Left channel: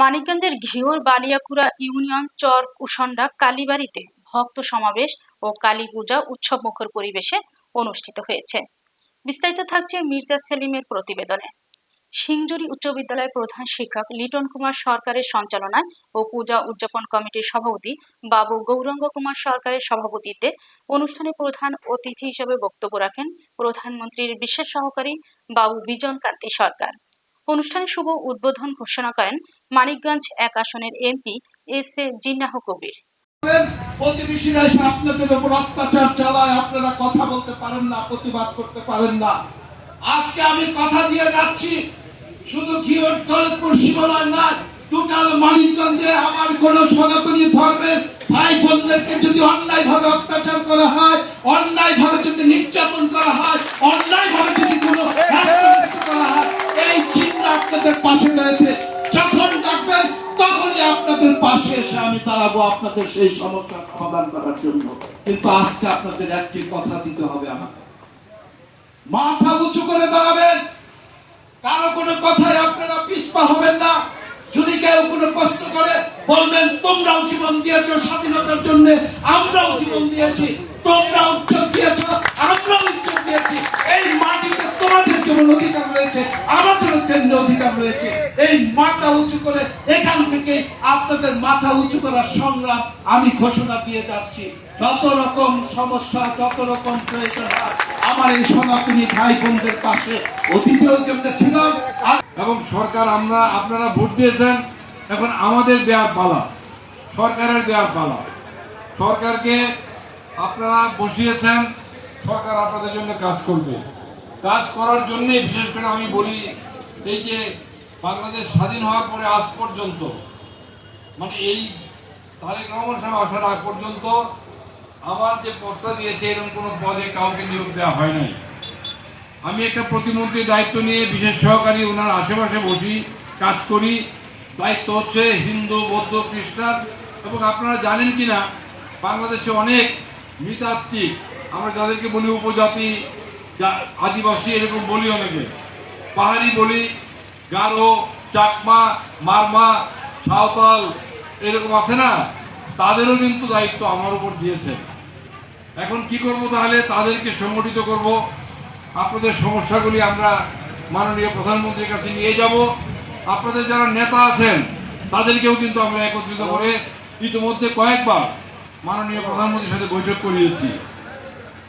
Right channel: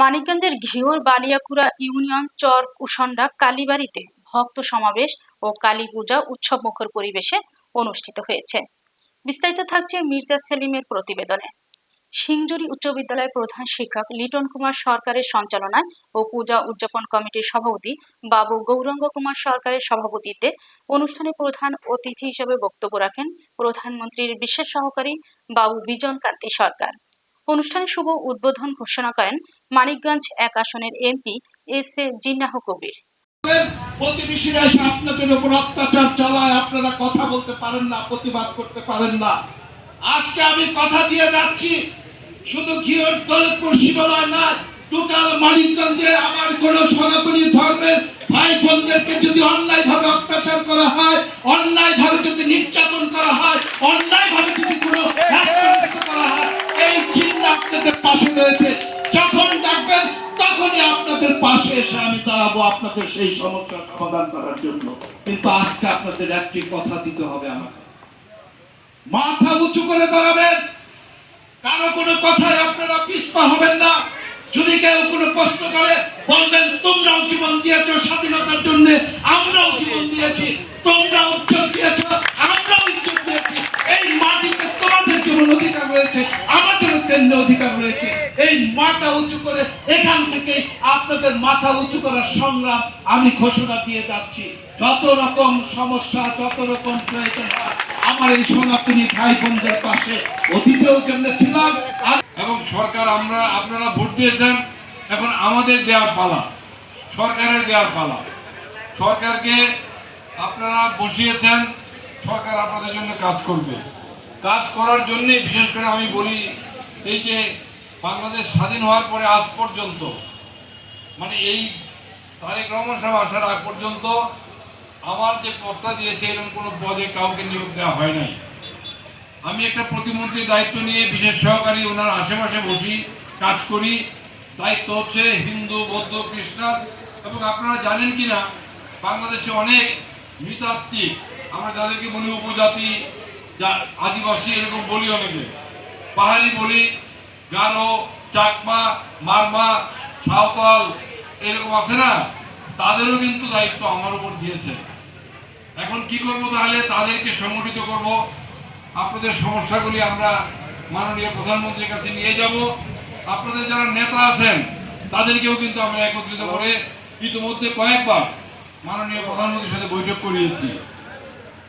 মানিকগঞ্জের ঘিওর বালিয়াকুড়া ইউনিয়ন চর কুশন্ডা কালীবাড়িতে ভক্ত সমাবেশ ও কালী পূজা উৎসবমুখর পরিবেশে অনুষ্ঠিত হয়েছে। বিস্তারিত থাকছে মির্জা সেলিমের প্রতিবেদনে। সিংজুরি উচ্চ বিদ্যালয়ের প্রধান শিক্ষক লিটন কুমার সরকারের সঞ্চালনায় ও পূজা উদযাপন কমিটির সভাপতি বাবু গৌরাঙ্গ কুমার সরকারের সভাপতিত্বে অনুষ্ঠানে প্রধান অতিথি হিসেবে বক্তব্য রাখেন প্রধানমন্ত্রীর বিশেষ সহকারী বাবু বিজন কান্তি সরকার। অনুষ্ঠানে শুভ উদ্বোধন ঘোষণা করেন মানিকগঞ্জ 1 আসনের এমপি এস.এ. জিন্নাহ কবির। প্রতিবেশীরা এসে আপনাদের উপর অত্যাচার চালায়, আপনারা কথা বলতে পারেন না, প্রতিবাদ করতে পারেন না। আজকে আমি কথা দিয়ে যাচ্ছি, শুধু ঘিওর দৌলতপুর সীমানায় না, টোটাল মানিকগঞ্জে আমার কোন সনাতনী ধর্মের ভাই বোনদেরকে যদি অন্যায় ভাবে অত্যাচার করা হয়, অন্যায় ভাবে যদি নির্যাতন করা হয়, অন্যায় ভাবে যদি কোনো করা হয়, এই চিন্তা আপনাদের পাশে রয়েছে। যখন ডাকবেন তখনই আপনাদের পাশে এসে আমি দাঁড়াবো আপনাদের সেই সমস্যার সমাধান করার জন্য। কিন্তু আজকে আপনাদের একটি কথা দিতে হবে, আমাকে মাথা উঁচু করে দাঁড়াবেন। কারো কোনো কথায় আপনারা পিছপা হবেন না। যদি কেউ কোনো প্রশ্ন করে বলবেন তোমরাও জীবন দিয়েছো স্বাধীনতার জন্য, আমরাও জীবন দিয়েছি, তোমরাও উচ্চত দিয়েছ, আমরাও উচ্চত দিয়েছি। এই মাটিতে তোমাদের যেমন অধিকার রয়েছে, আমাদেরও তেমনি অধিকার রয়েছে। এই মাথা উঁচু করে এখান থেকে আপনাদের মাথা উঁচু করার সংগ্রাম আমি ঘোষণা দিয়ে যাচ্ছি। যত রকম সমস্যা, যত রকম প্রয়োজন হয়, আমার এই সনাতনী ভাই বোনদের পাশে অতীতেও যেমন ছিলাম। এবং সরকার আপনারা ভোট দিয়েছেন, এখন আমাদের দেওয়ার পালা, সরকারের দেওয়ার পালা। সরকারকে আপনারা বসিয়েছেন, সরকার আপনাদের জন্য কাজ করবে। কাজ করার জন্য বিশেষ করে আমি বলি, এই যে বাংলাদেশ স্বাধীন হওয়ার পরে আজ পর্যন্ত, মানে এই তারেক রহমান সাহেব আসার আগ পর্যন্ত আমার যে পদটা দিয়েছে এরকম কোনো পদে কাউকে নিয়োগ দেওয়া হয় নাই। আমি একটা প্রতিমন্ত্রীর দায়িত্ব নিয়ে বিশেষ সহকারী ওনার আশেপাশে বসি, কাজ করি। দায়িত্ব হচ্ছে হিন্দু, বৌদ্ধ, খ্রিস্টান। এবং আপনারা জানেন কিনা, বাংলাদেশে অনেক নৃতাত্ত্বিক, আমরা যাদেরকে বলি উপজাতি, আদিবাসী, এরকম বলি অনেকে, পাহাড়ি বলি, গারো, চাকমা, মারমা, সাঁওতাল, এরকম আছে না, তাদেরও কিন্তু দায়িত্ব আমার উপর দিয়েছে। এখন কি করব, তাহলে তাদেরকে সংগঠিত করব। আপনাদের সমস্যাগুলি আমরা মাননীয় প্রধানমন্ত্রীর কাছে নিয়ে যাব। আপনাদের যারা নেতা আছেন তাদেরকেও কিন্তু আমরা একত্রিত করে ইতিমধ্যে কয়েকবার মাননীয় প্রধানমন্ত্রীর সাথে বৈঠক করিয়েছি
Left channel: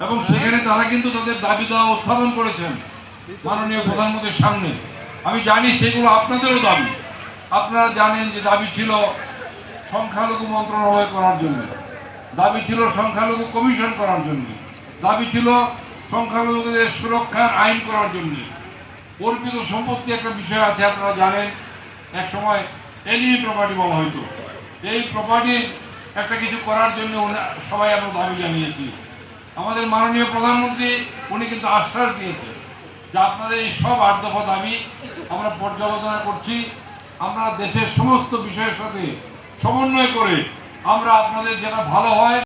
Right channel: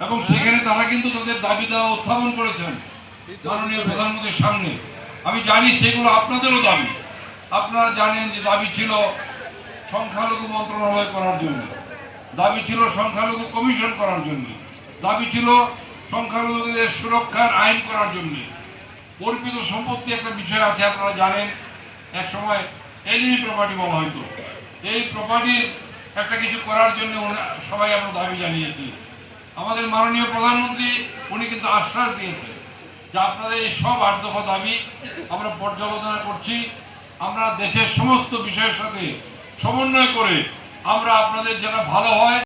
এবং সেখানে তারা কিন্তু তাদের দাবি দেওয়া উত্থাপন করেছেন মাননীয় প্রধানমন্ত্রীর সামনে। আমি জানি সেগুলো আপনাদেরও দাবি। আপনারা জানেন যে দাবি ছিল সংখ্যালঘু মন্ত্রণালয় করার জন্য, দাবি ছিল সংখ্যালঘু কমিশন করার জন্য, দাবি ছিল সংখ্যালঘুদের সুরক্ষার আইন করার জন্য। অর্পিত সম্পত্তি একটা বিষয় আছে, আপনারা জানেন, এক সময় এলিমি প্রপার্টি বলা হয়তো। এই প্রপার্টির একটা কিছু করার জন্য সবাই আমরা দাবি জানিয়েছি। আমাদের মাননীয় প্রধানমন্ত্রী উনি কিন্তু আশ্বাস দিয়েছে যে আপনাদের এই সব 8 দফা দাবি আমরা পর্যালোচনা করছি। আমরা দেশের সমস্ত বিষয়ের সাথে সমন্বয় করে আমরা আপনাদের যেটা ভালো হয়